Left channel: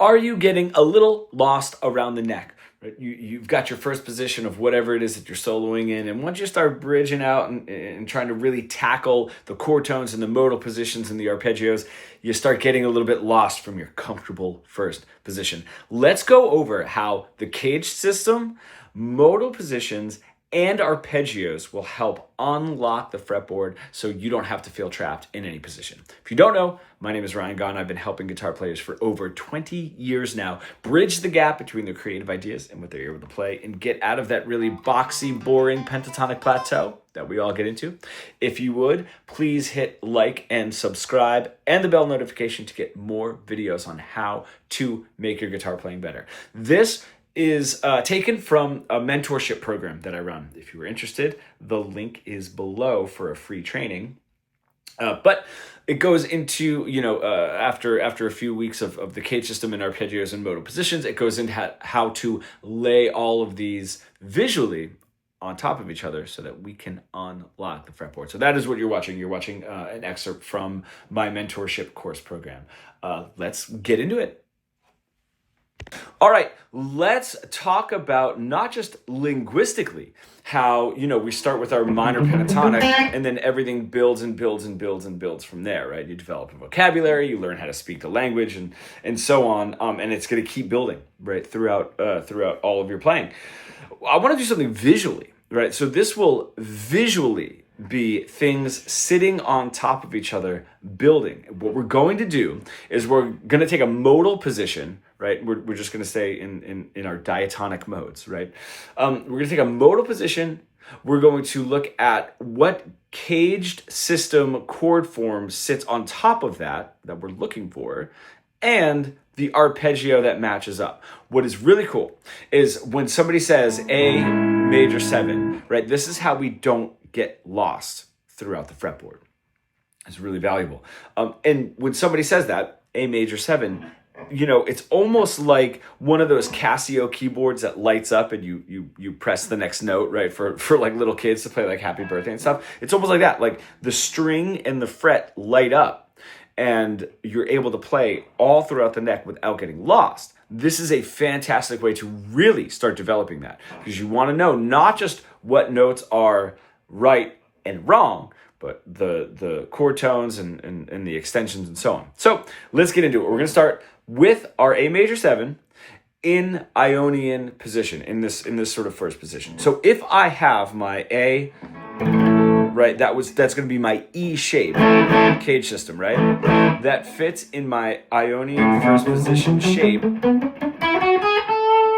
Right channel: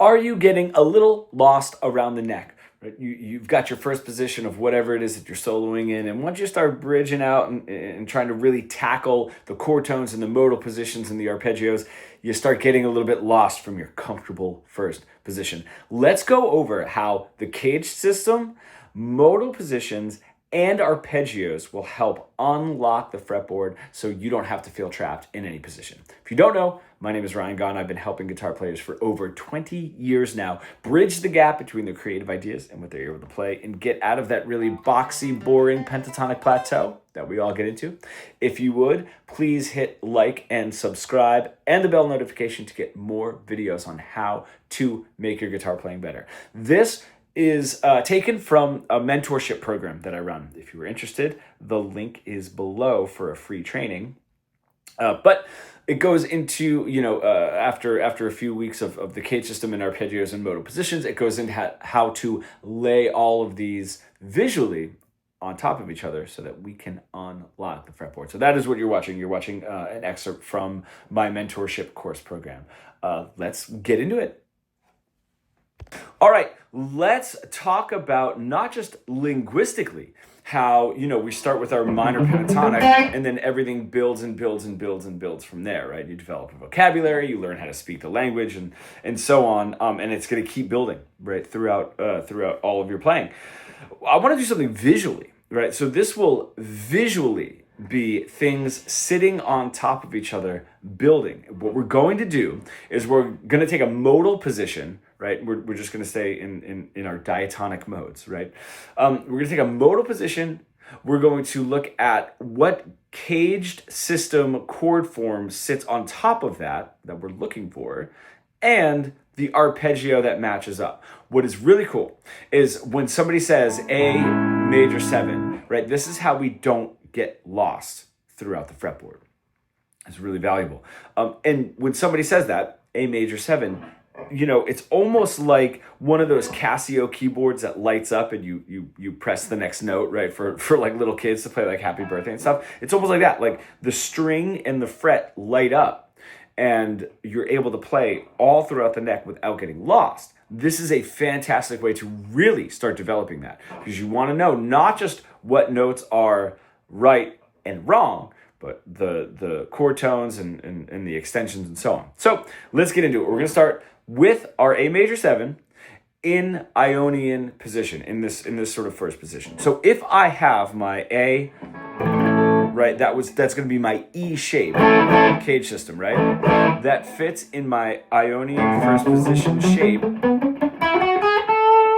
Are you getting a little lost around the neck? Right? You've got your first position of whatever it is that you're soloing in, and once you start bridging out and trying to really tackle the chord tones and the modal positions and the arpeggios, you start getting a little bit lost from your comfortable first position. Let's go over how the CAGED system, modal positions, and arpeggios will help unlock the fretboard so you don't have to feel trapped in any position. If you don't know, my name is Ryan Gunn. I've been helping guitar players for over 20 years now bridge the gap between their creative ideas and what they're able to play and get out of that really boxy, boring pentatonic plateau that we all get into. If you would, please hit like and subscribe and the bell notification to get more videos on how to make your guitar playing better. This is taken from a mentorship program that I run. If you were interested, the link is below for a free training. But it goes into, after a few weeks of the CAGED system and arpeggios and modal positions, it goes into how to lay all of these visually on top of each other so that we can unlock the fretboard. So that is what you're watching. You're watching an excerpt from my mentorship course program. Let's get into it. All right, let's talk about not just linguistically how, we start with our minor pentatonic and then everything builds and builds and builds and builds from there, right? You develop a vocabulary, you learn how to speak the language and so on, and it's going to keep building, right, throughout all of your playing. I want to do something visually, right? So this will visually be things sitting on top of each other, building. What we're going to do is we're going to take a modal position, right? We're just going to stay in our diatonic modes, right? We're going to take a modal position. We're going to look at what CAGED system chord form sits on top of that we're looking for, and the arpeggio that matches up. What is really cool is when somebody says A major 7, right? This is how we don't get lost throughout the fretboard. It's really valuable. And when somebody says that, A major 7, it's almost like one of those Casio keyboards that lights up and you press the next note, right? For like little kids to play like Happy Birthday and stuff. It's almost like that. Like the string and the fret light up and you're able to play all throughout the neck without getting lost. This is a fantastic way to really start developing that because you want to know not just what notes are right and wrong, but the chord tones and the extensions and so on. So let's get into it. We're going to start with our A major 7 in Ionian position, in this sort of first position. So if I have my A, right, that's going to be my E shape CAGED system, right? That fits in my Ionian first position shape,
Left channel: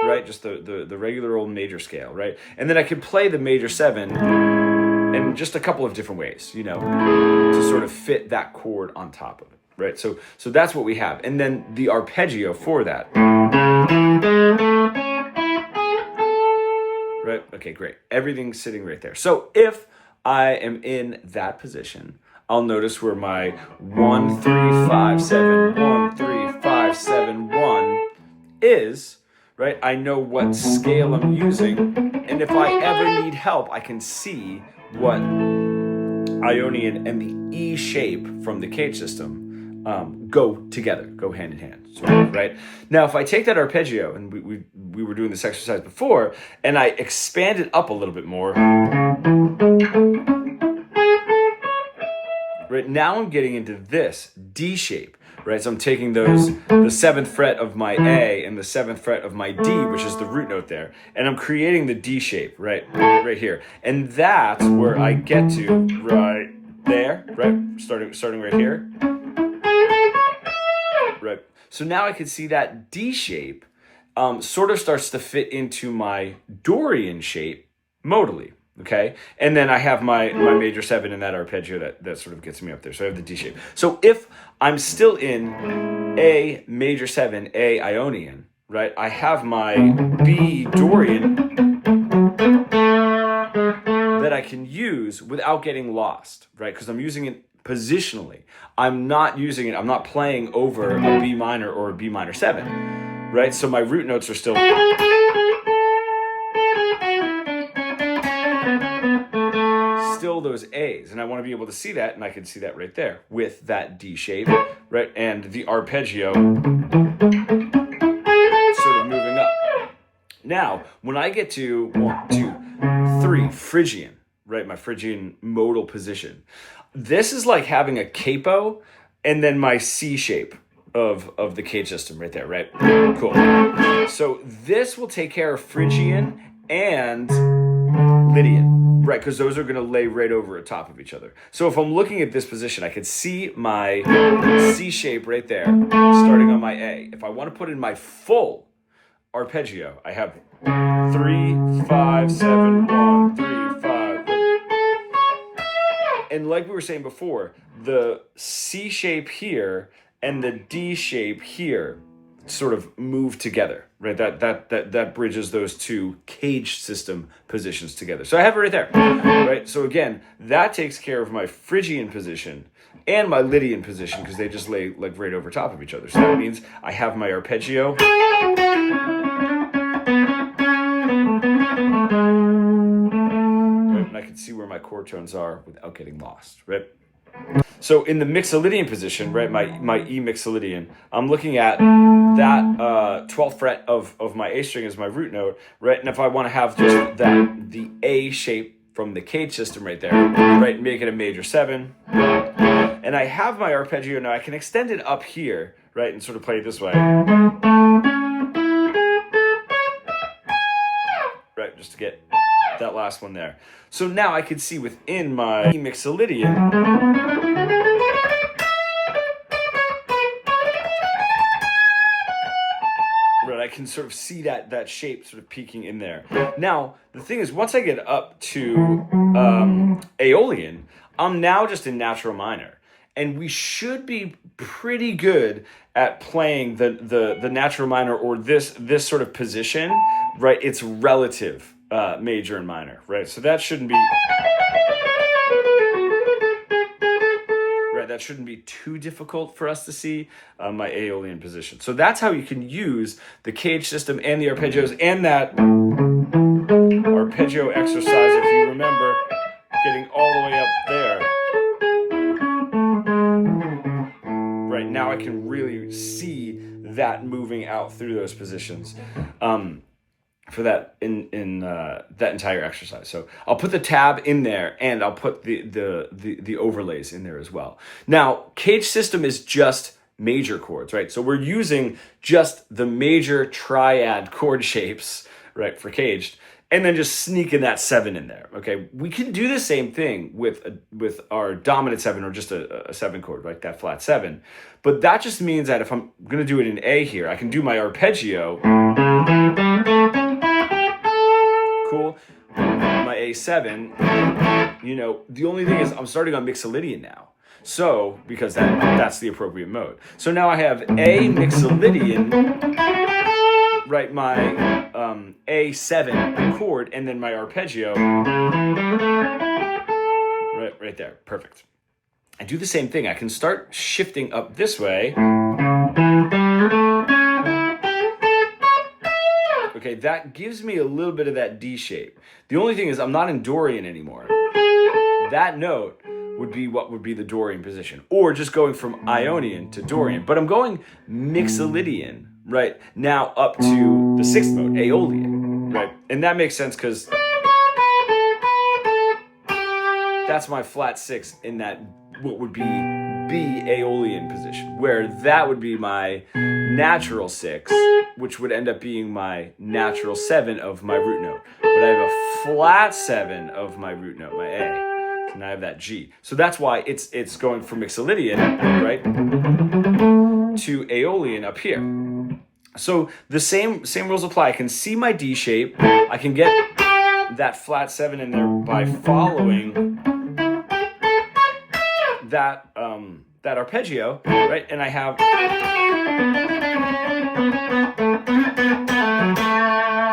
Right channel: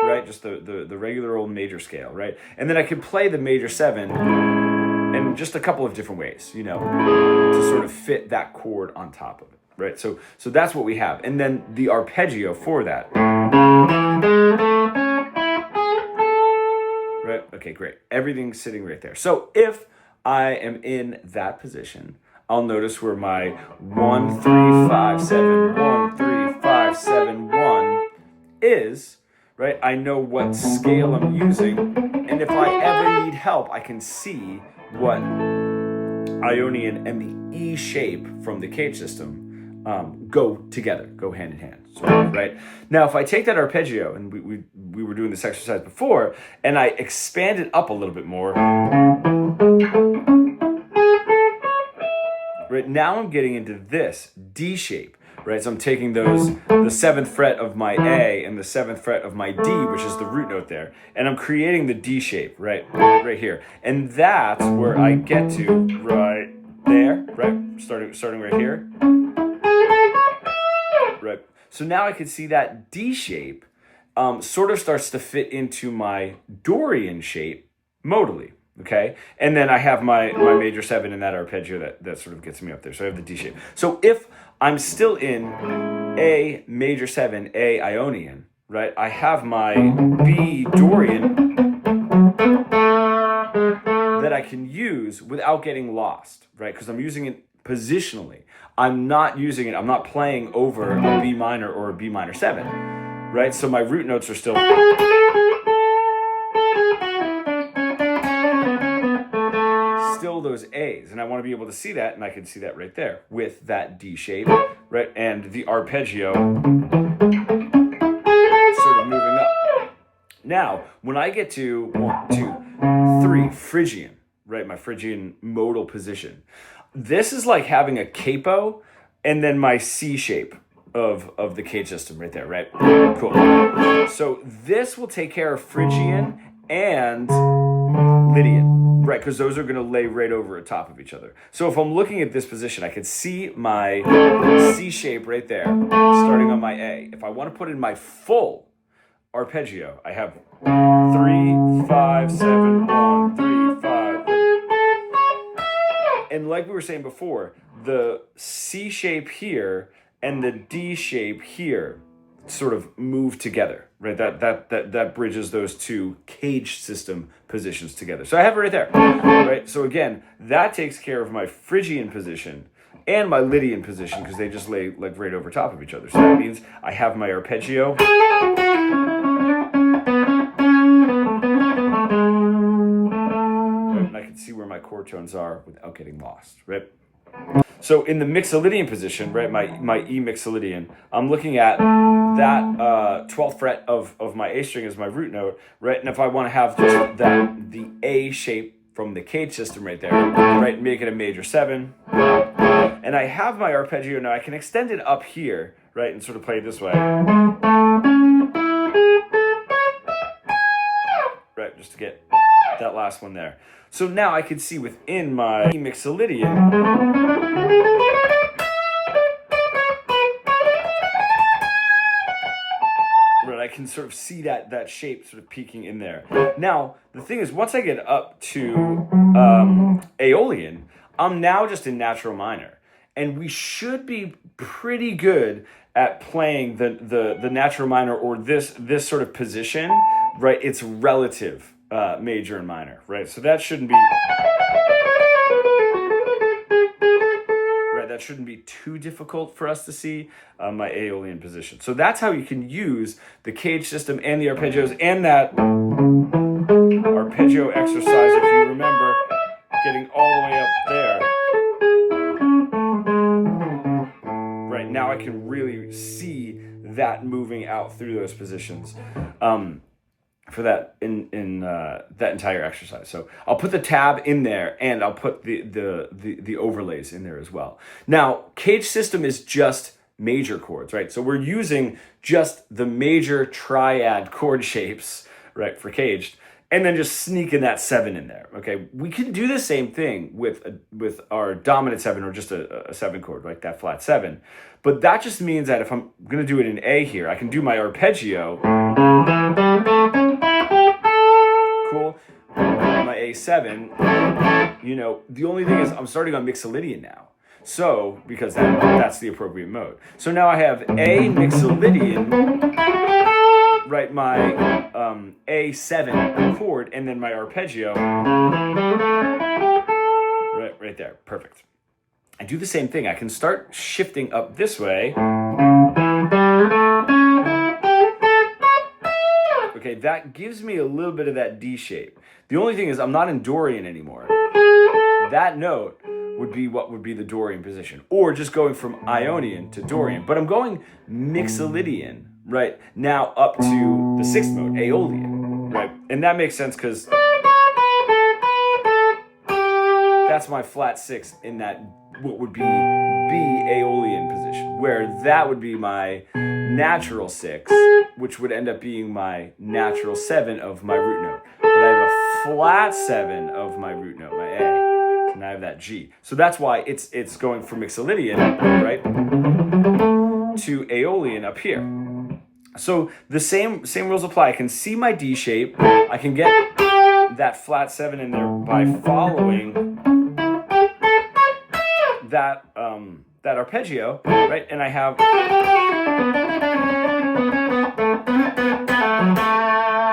right? Just the regular old major scale, right? And then I can play the major 7 in just a couple of different ways, to sort of fit that chord on top of it, right? So that's what we have. And then the arpeggio for that. Right? Okay, great. Everything's sitting right there. So if I am in that position, I'll notice where my 1 3 5 7 1 3 5 7 1 is, right? I know what scale I'm using, and if I ever need help, I can see what Ionian and the E shape from the CAGED system go together, go hand in hand, right? Now, if I take that arpeggio, and we were doing this exercise before, and I expand it up a little bit more, right? Now I'm getting into this D shape, right? So I'm taking the 7th fret of my A and the 7th fret of my D, which is the root note there, and I'm creating the D shape, right here. And that's where I get to right there, right? Starting right here. Right. So now I can see that D shape sort of starts to fit into my Dorian shape modally. Okay. And then I have my major 7 in that arpeggio that sort of gets me up there. So I have the D shape. So if I'm still in A major 7, A Ionian, right? I have my B Dorian that I can use without getting lost, right? Because I'm using it positionally. I'm not playing over a B minor or a B minor 7, right? So my root notes are still those A's, and I want to be able to see that, and I can see that right there with that D shape, right? And the arpeggio Now, when I get to 1, 2, 3, Phrygian, right, my Phrygian modal position, this is like having a capo and then my C shape of the CAGED system right there, right? Cool. So this will take care of Phrygian and Lydian, right? Because those are going to lay right over top of each other. So if I'm looking at this position, I can see my C shape right there, starting on my A. If I want to put in my full arpeggio, I have 3, 5, 7, 1, 3, 5. And like we were saying before, the C shape here and the D shape here sort of move together, right? That bridges those two CAGED system positions together. So I have it right there, right? So again, that takes care of my Phrygian position and my Lydian position because they just lay like right over top of each other. So that means I have my arpeggio. Right? And I can see where my chord tones are without getting lost, right? So in the mixolydian position, right, my E mixolydian, I'm looking at that 12th fret of my A string as my root note, right? And if I want to have just the A shape from the CAGED system right there, right, make it a major 7. And I have my arpeggio now. I can extend it up here, right, and sort of play it this way. Right, just to get that last one there. So now I can see within my E mixolydian, right, I can sort of see that shape sort of peeking in there. Now, the thing is, once I get up to Aeolian, I'm now just in natural minor. And we should be pretty good at playing the natural minor or this sort of position, right? It's relative major and minor, right? So that shouldn't be, right? That shouldn't be too difficult for us to see my Aeolian position. So that's how you can use the CAGED system and the arpeggios and that arpeggio exercise, if you remember, getting all the way up there. Right, now I can really see that moving out through those positions for that in that entire exercise. So I'll put the tab in there and I'll put the overlays in there as well. Now, CAGED system is just major chords, right? So we're using just the major triad chord shapes, right, for CAGED, and then just sneaking that 7 in there, okay? We can do the same thing with our dominant 7 or just a 7 chord, like that flat 7. But that just means that if I'm gonna do it in A here, I can do my arpeggio, cool, my A7, you know, the only thing is I'm starting on mixolydian now. So, because that's the appropriate mode. So now I have A mixolydian, right, my A7 chord, and then my arpeggio, right there, perfect. I do the same thing. I can start shifting up this way. Okay, that gives me a little bit of that D shape. The only thing is I'm not in Dorian anymore. That note would be what would be the Dorian position, or just going from Ionian to Dorian. But I'm going mixolydian, right, now up to the 6th mode, Aeolian, right? And that makes sense because that's my flat 6 in that what would be B Aeolian position, where that would be my natural 6, which would end up being my natural 7 of my root note. But I have a flat 7 of my root note, my A. And I have that G. So that's why it's going from mixolydian, right, to Aeolian up here. So the same rules apply. I can see my D shape. I can get that flat 7 in there by following that that arpeggio, right? And I have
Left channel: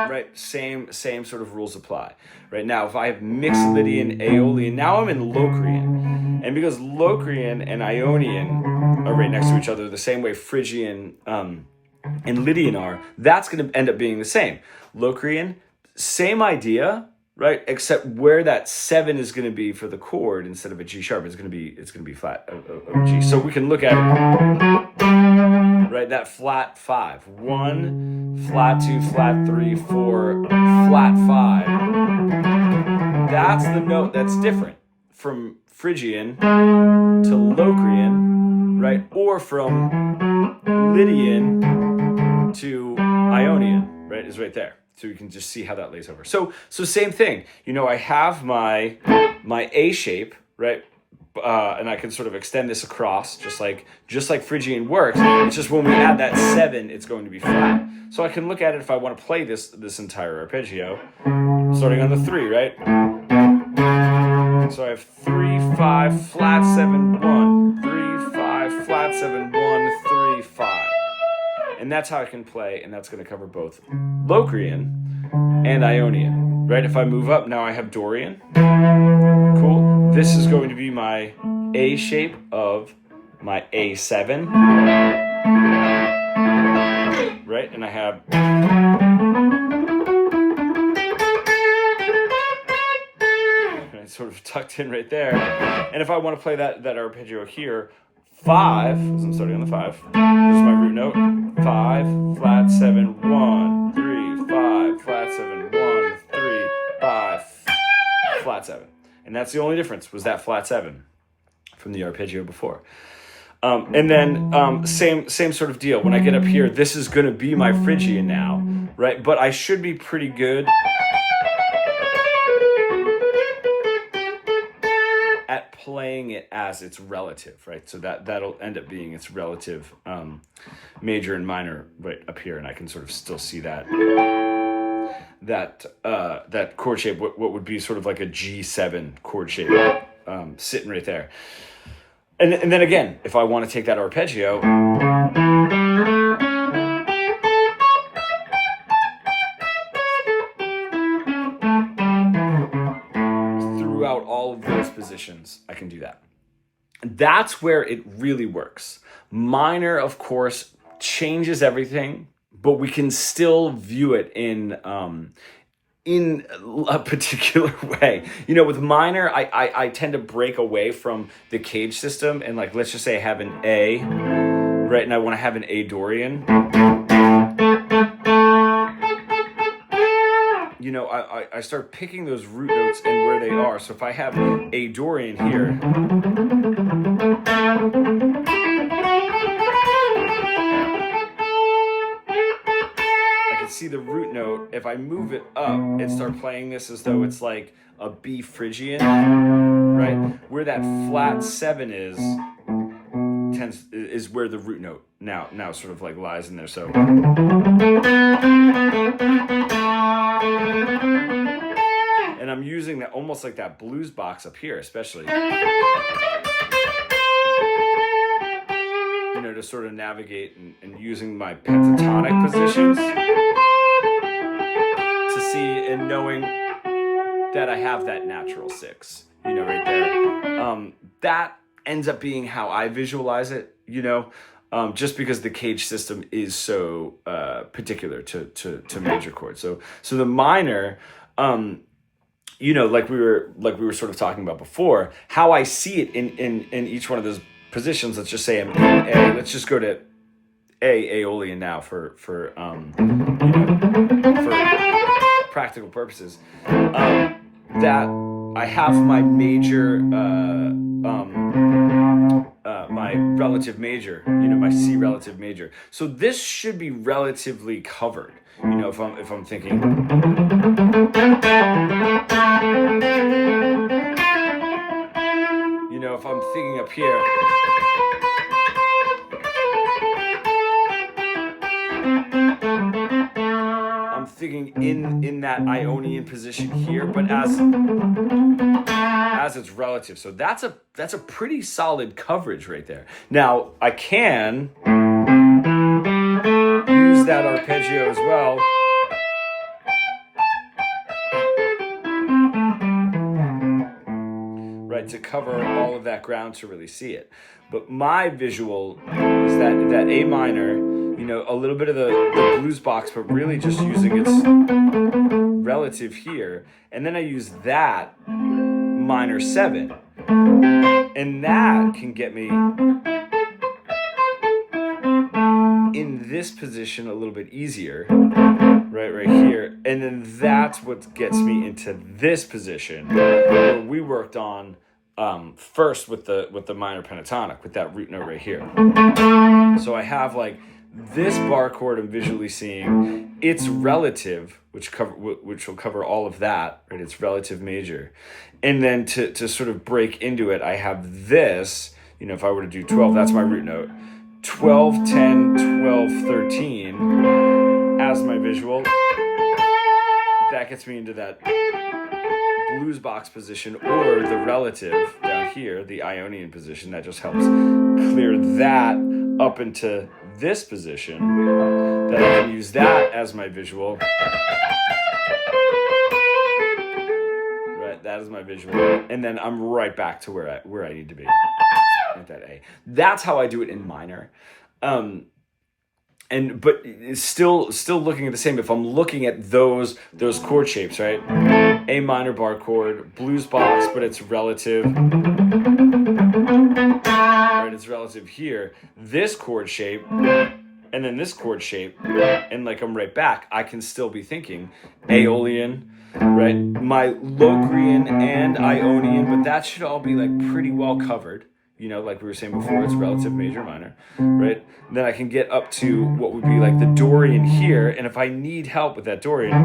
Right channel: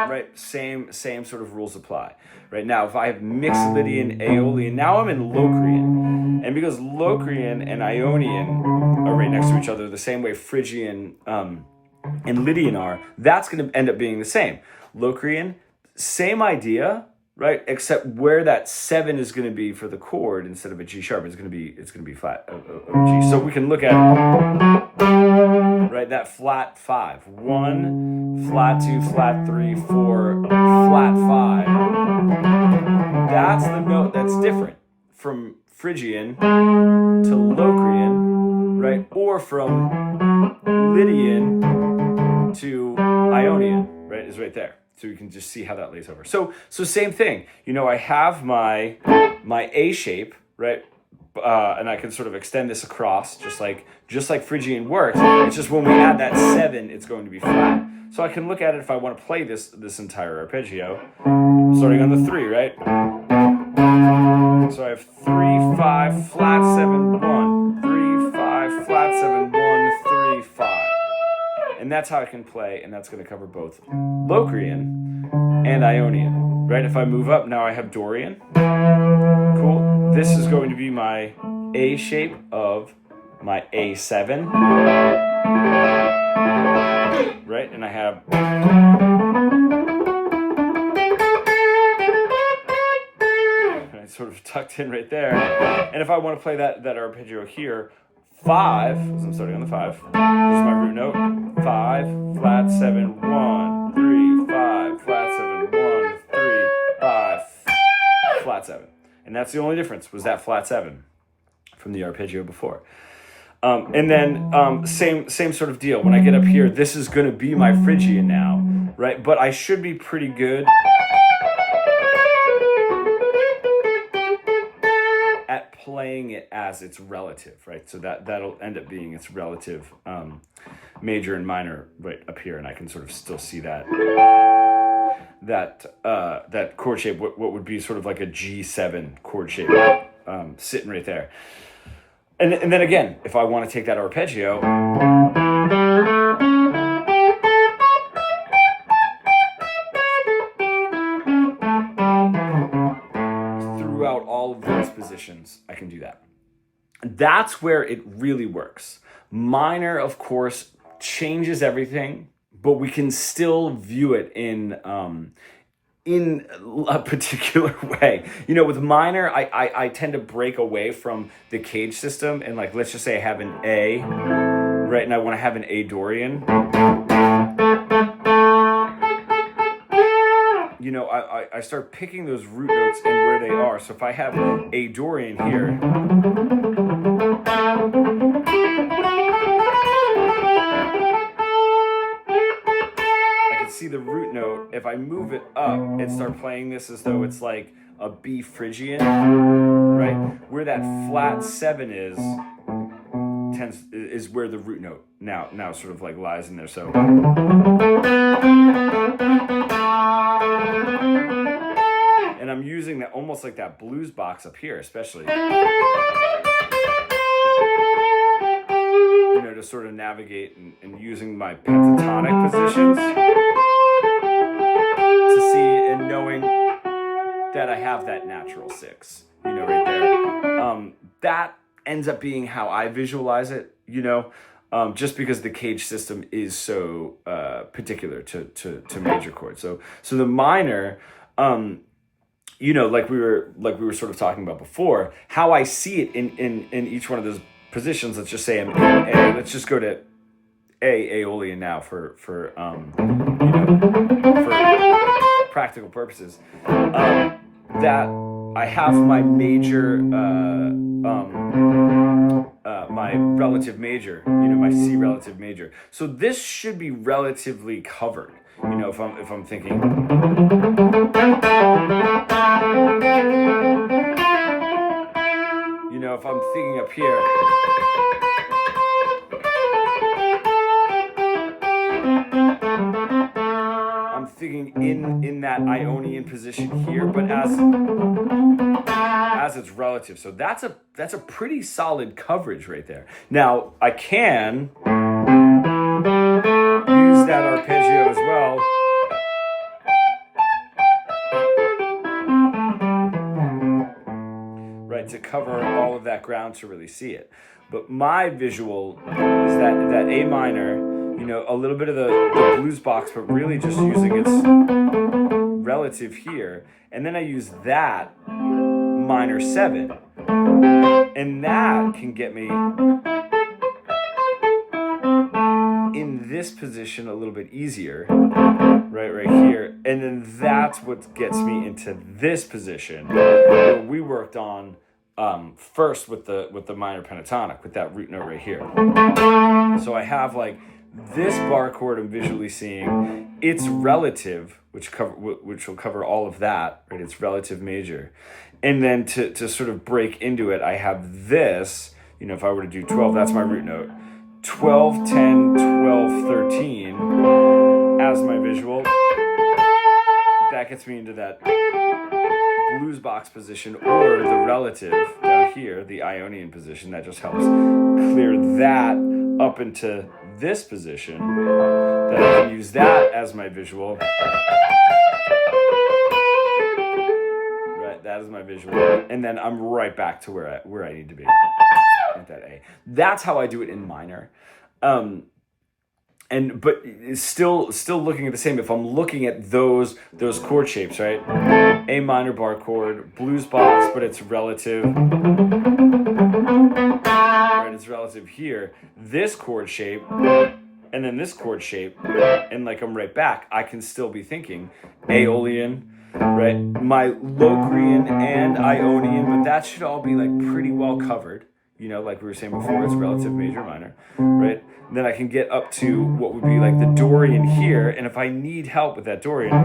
right, same sort of rules apply. Right now, if I have mixolydian, Aeolian, now I'm in Locrian. And because Locrian and Ionian are right next to each other, the same way Phrygian and Lydian are, that's going to end up being the same. Locrian, same idea, right? Except where that 7 is going to be for the chord instead of a G sharp, it's going to be flat of G. So we can look at it. right? That flat 5. 1, flat 2, flat 3, 4, flat 5. That's the note that's different from Phrygian to Locrian, right? Or from Lydian to Ionian, right? Is right there. So you can just see how that lays over. So same thing. You know, I have my A shape, right? And I can sort of extend this across, just like Phrygian works. It's just when we add that 7, it's going to be flat. So I can look at it if I want to play this entire arpeggio, starting on the 3, right? So I have 3, 5, flat 7, 1, 3, 5, flat 7, 1, 3, 5. And that's how I can play, and that's going to cover both Locrian and Ionian, right? If I move up, now I have Dorian. Cool. This is going to be my A shape of my A7, right? And I have sort of tucked in right there. And if I want to play that arpeggio here, 5, because I'm starting on the 5, there's my root note, 5, flat 7, 1, 3, 5, flat 7, 1, 3, 5, flat 7. And that's the only difference, was that flat 7 from the arpeggio before. And then same sort of deal. When I get up here, this is going to be my Phrygian now, right? But I should be pretty good at playing it as its relative, right? So that'll end up being its relative major and minor right up here, and I can sort of still see that chord shape, what would be sort of like a G7 chord shape, sitting right there. And then again, if I want to take that arpeggio, throughout all of those positions, I can do that. That's where it really works. Minor, of course, changes everything, but we can still view it in a particular way. You know, with minor, I tend to break away from the CAGED system, and like, let's just say I have an A, right, and I want to have an A Dorian. You know, I start picking those root notes and where they are. So if I have A Dorian here, I can see the root note. If I move it up and start playing this as though it's like a B Phrygian, right? Where that flat 7 is where the root note now sort of like lies in there. So and I'm using that almost like that blues box up here, especially, you know, to sort of navigate and using my pentatonic positions to see and knowing that I have that natural 6, you know, right there. That ends up being how I visualize it, you know, just because the CAGED system is so particular to major chords. So the minor, you know, like we were sort of talking about before, how I see it in each one of those positions. Let's just say I'm in A. Let's just go to Aeolian now for you know, for practical purposes. That I have my major, my relative major, you know, my C relative major. So this should be relatively covered. You know, if I'm thinking, you know, if I'm thinking up here, I'm thinking in that Ionian position here, but as its relative. So that's a pretty solid coverage right there. Now I can use that arpeggio as well. Right, to cover all of that ground to really see it. But my visual is that A minor, you know, a little bit of the blues box, but really just using its relative here. And then I use that minor 7. And that can get me this position a little bit easier, right here. And then that's what gets me into this position where we worked on first with the minor pentatonic, with that root note right here. So I have like this bar chord I'm visually seeing, it's relative, which will cover all of that, right? It's relative major. And then to sort of break into it, I have this, you know, if I were to do 12, that's my root note. 12, 10, 12, 13 as my visual. That gets me into that blues box position, or the relative down here, the Ionian position. That just helps clear that up into this position. Then I can use that as my visual. Right, that is my visual. And then I'm right back to where I need to be at that A. That's how I do it in minor. But it's still looking at the same. If I'm looking at those chord shapes, right? A minor bar chord, blues box, but it's relative. Right, it's relative here. This chord shape, and then this chord shape, and like I'm right back. I can still be thinking Aeolian, right? My Locrian and Ionian, but that should all be like pretty well covered. You know, like we were saying before, it's relative major minor, right? And then I can get up to what would be like the Dorian here, and if I need help with that Dorian,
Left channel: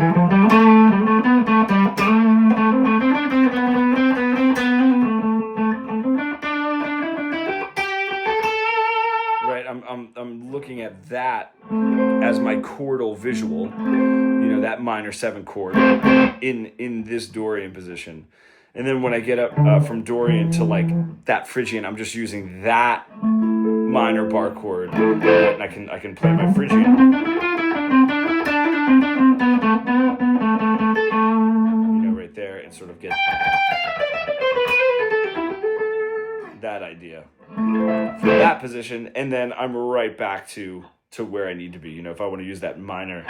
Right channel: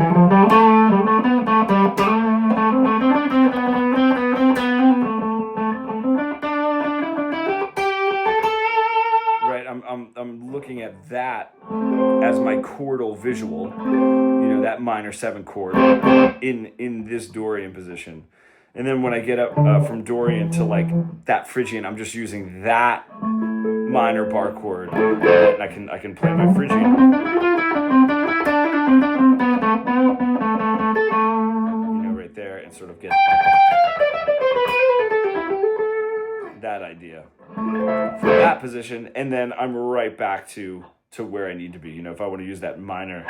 right? I'm looking at that as my chordal visual, you know, that minor 7 chord in this Dorian position. And then when I get up from Dorian to like that Phrygian, I'm just using that minor bar chord, and I can play my Phrygian. You know, right there, and sort of get that idea for that position, and then I'm right back to where I need to be. You know, if I want to use that minor.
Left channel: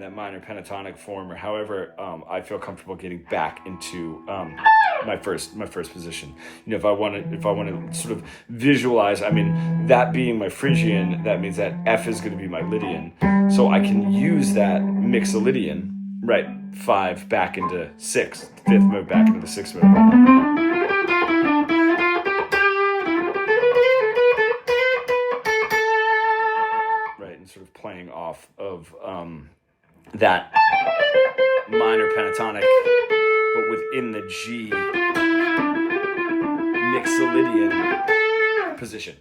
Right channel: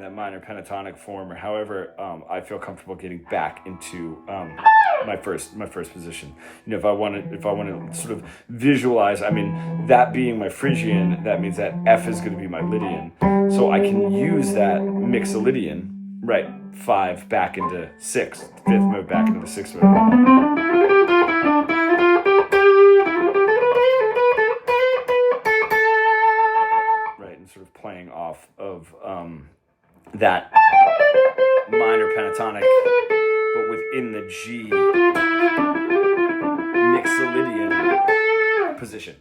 That minor pentatonic form, or however I feel comfortable getting back into my first position. You know, if I want to sort of visualize, I mean, that being my Phrygian, that means that F is going to be my Lydian. So I can use that Mixolydian, right? 5 back into 6, 5th mode back into the 6th mode. Right, and sort of playing off of that minor pentatonic, but within the G Mixolydian position.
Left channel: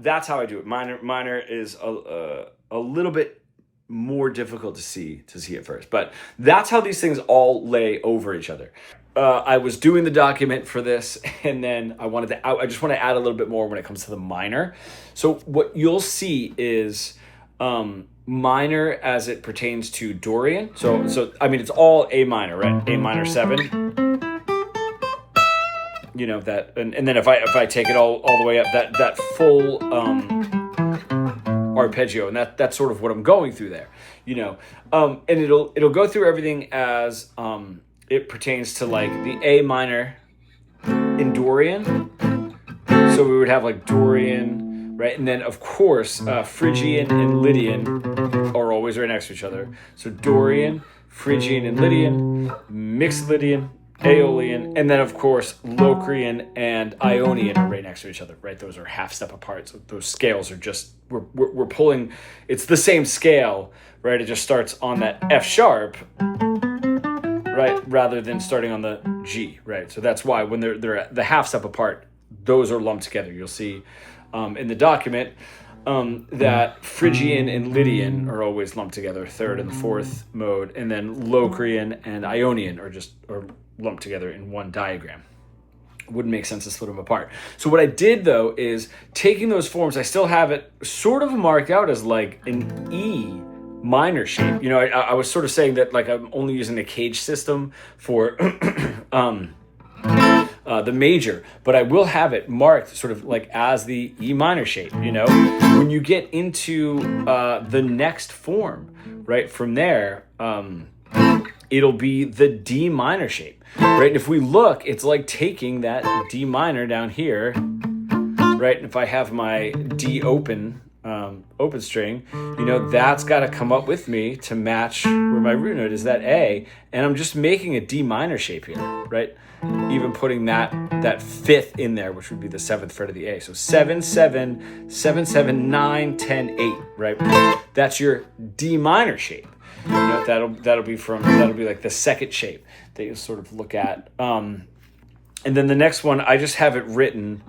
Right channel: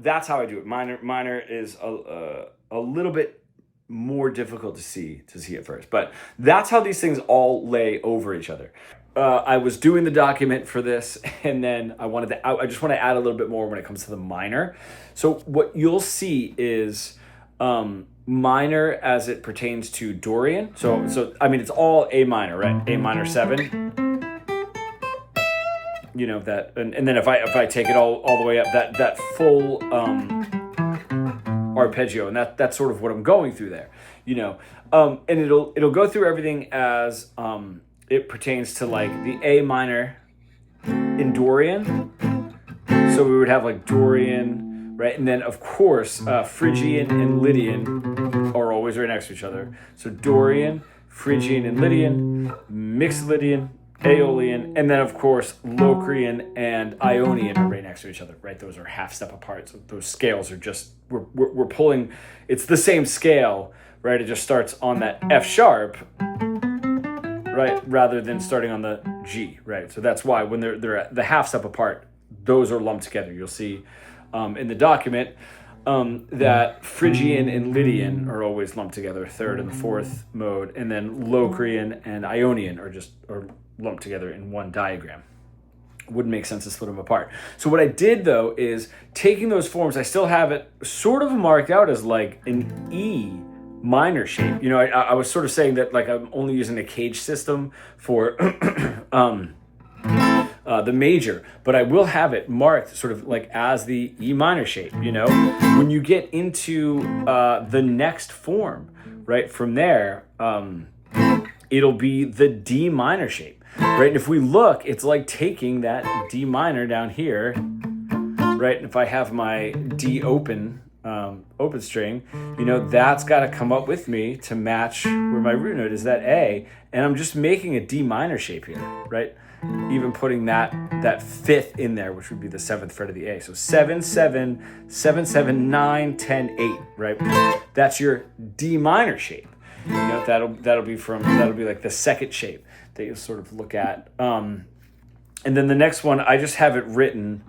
That's how I do it. Minor is a little bit more difficult to see at first, but that's how these things all lay over each other. I was doing the document for this, and then I just want to add a little bit more when it comes to the minor. So what you'll see is minor as it pertains to Dorian. So I mean, it's all A minor, right? A minor 7. You know that, and then if I take it all the way up, that full arpeggio, and that's sort of what I'm going through there. You know, and it'll go through everything as it pertains to like the A minor in Dorian. So we would have like Dorian. Right, and then of course, Phrygian and Lydian are always right next to each other. So Dorian, Phrygian and Lydian, Mixolydian, Aeolian, and then of course Locrian and Ionian are right next to each other. Right, those are half step apart. So those scales are just we're pulling. It's the same scale, right? It just starts on that F sharp, right, rather than starting on the G. Right, so that's why when they're at the half step apart, those are lumped together. You'll see. In the document, that Phrygian and Lydian are always lumped together, 3rd and the 4th mode, and then Locrian and Ionian are lumped together in one diagram. Wouldn't make sense to split them apart. So what I did though is taking those forms, I still have it sort of marked out as like an E minor shape. You know, I was sort of saying that like I'm only using the CAGED system for the major, but I will have it marked sort of like as the E minor shape. You know, when you get into the next form, right from there, it'll be the D minor shape, right? And if we look, it's like taking that D minor down here, right? And if I have my D open string, that's got to come up with me to match where my root note is, that A, and I'm just making a D minor shape here, right? Even putting that fifth in there, which would be the 7th fret of the A. So 7, 7, 7, 7, 9, 10, 8, right? That's your D minor shape. That'll be like the second shape that you'll sort of look at. And then the next one, I just have it written.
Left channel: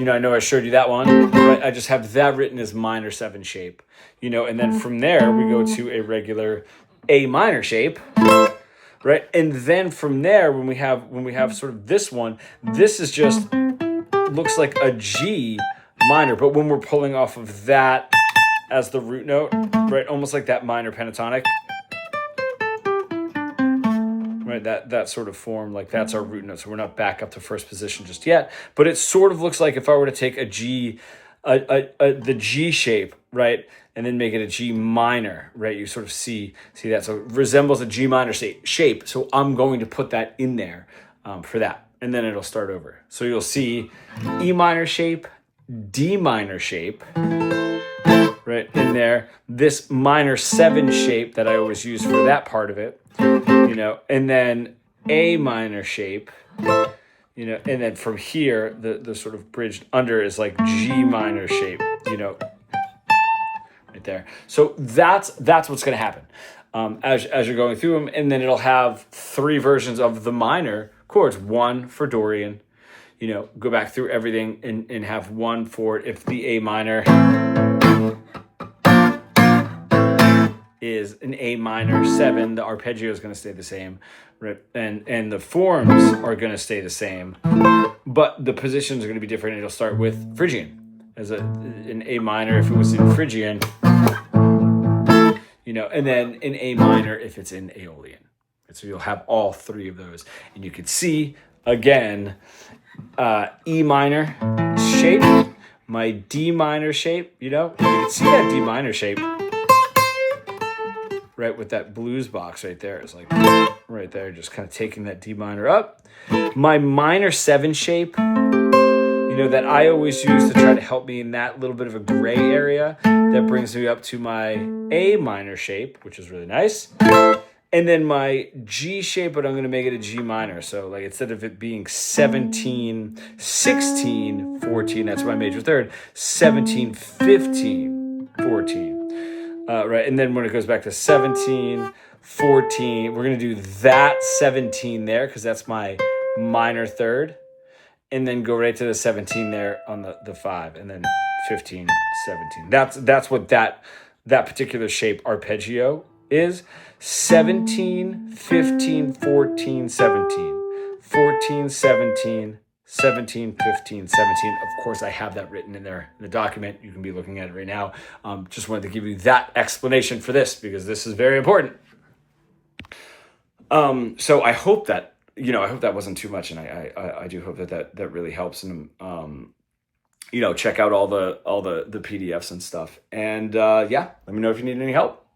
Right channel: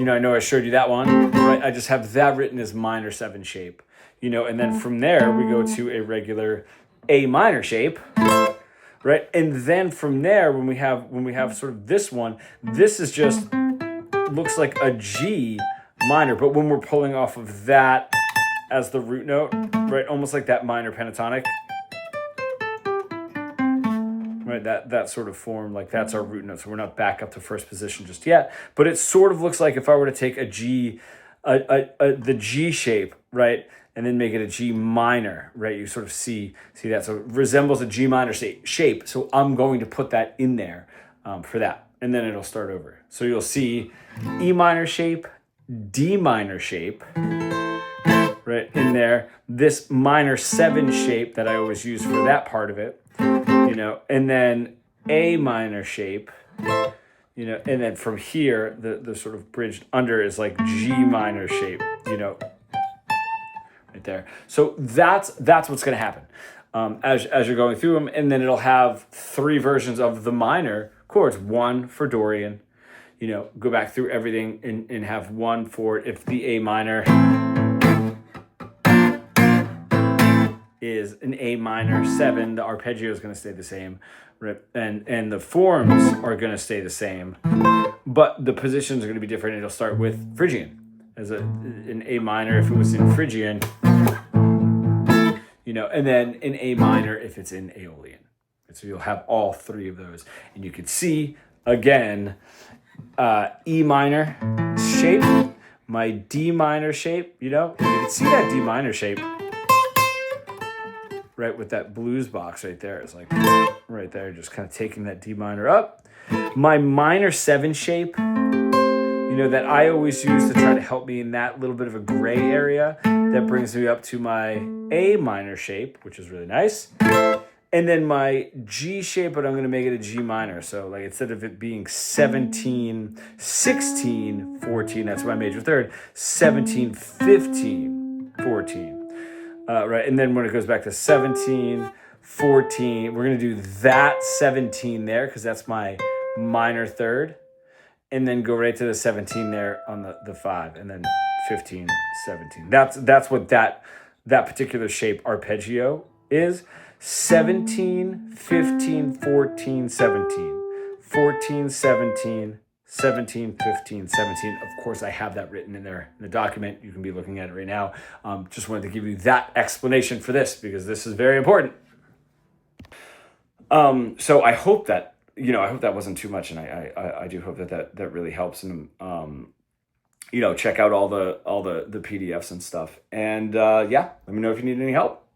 I know I showed you that one, right? I just have that written as minor 7 shape, and then from there we go to a regular A minor shape, right? And then from there, when we have sort of this one, this is just looks like a G minor, but when we're pulling off of that as the root note, right? Almost like that minor pentatonic. Right, that sort of form, like that's our root note. So we're not back up to first position just yet, but it sort of looks like if I were to take a G, the G shape, right, and then make it a G minor, right? You sort of see that. So it resembles a G minor shape. So I'm going to put that in there for that, and then it'll start over. So you'll see E minor shape, D minor shape, right in there. This minor 7 shape that I always use for that part of it. And then A minor shape, and then from here, the sort of bridged under is like G minor shape, right there. So that's what's going to happen as you're going through them. And then it'll have 3 versions of the minor chords, 1 for Dorian, go back through everything and have 1 for if the A minor is an A minor 7, the arpeggio is going to stay the same, right? And the forms are going to stay the same, but the positions are going to be different. It'll start with Phrygian as an A minor if it was in Phrygian, and then an A minor if it's in Aeolian. So you'll have all 3 of those, and you can see again E minor shape, my D minor shape, and you can see that D minor shape. Right, with that blues box right there. It's like right there, just kind of taking that D minor up. My minor 7 shape, that I always use to try to help me in that little bit of a gray area, that brings me up to my A minor shape, which is really nice. And then my G shape, but I'm going to make it a G minor. So like instead of it being 17, 16, 14, that's my major third, 17, 15, 14. Right, and then when it goes back to 17, 14, we're going to do that 17 there because that's my minor third, and then go right to the 17 there on the 5, and then 15, 17. That's what that particular shape arpeggio is. 17, 15, 14, 17, 14, 17, 17, 15, 17. Of course, I have that written in there in the document. You can be looking at it right now. Just wanted to give you that explanation for this because this is very important. So I hope that, wasn't too much, and I do hope that really helps. And check out all the PDFs and stuff. And let me know if you need any help.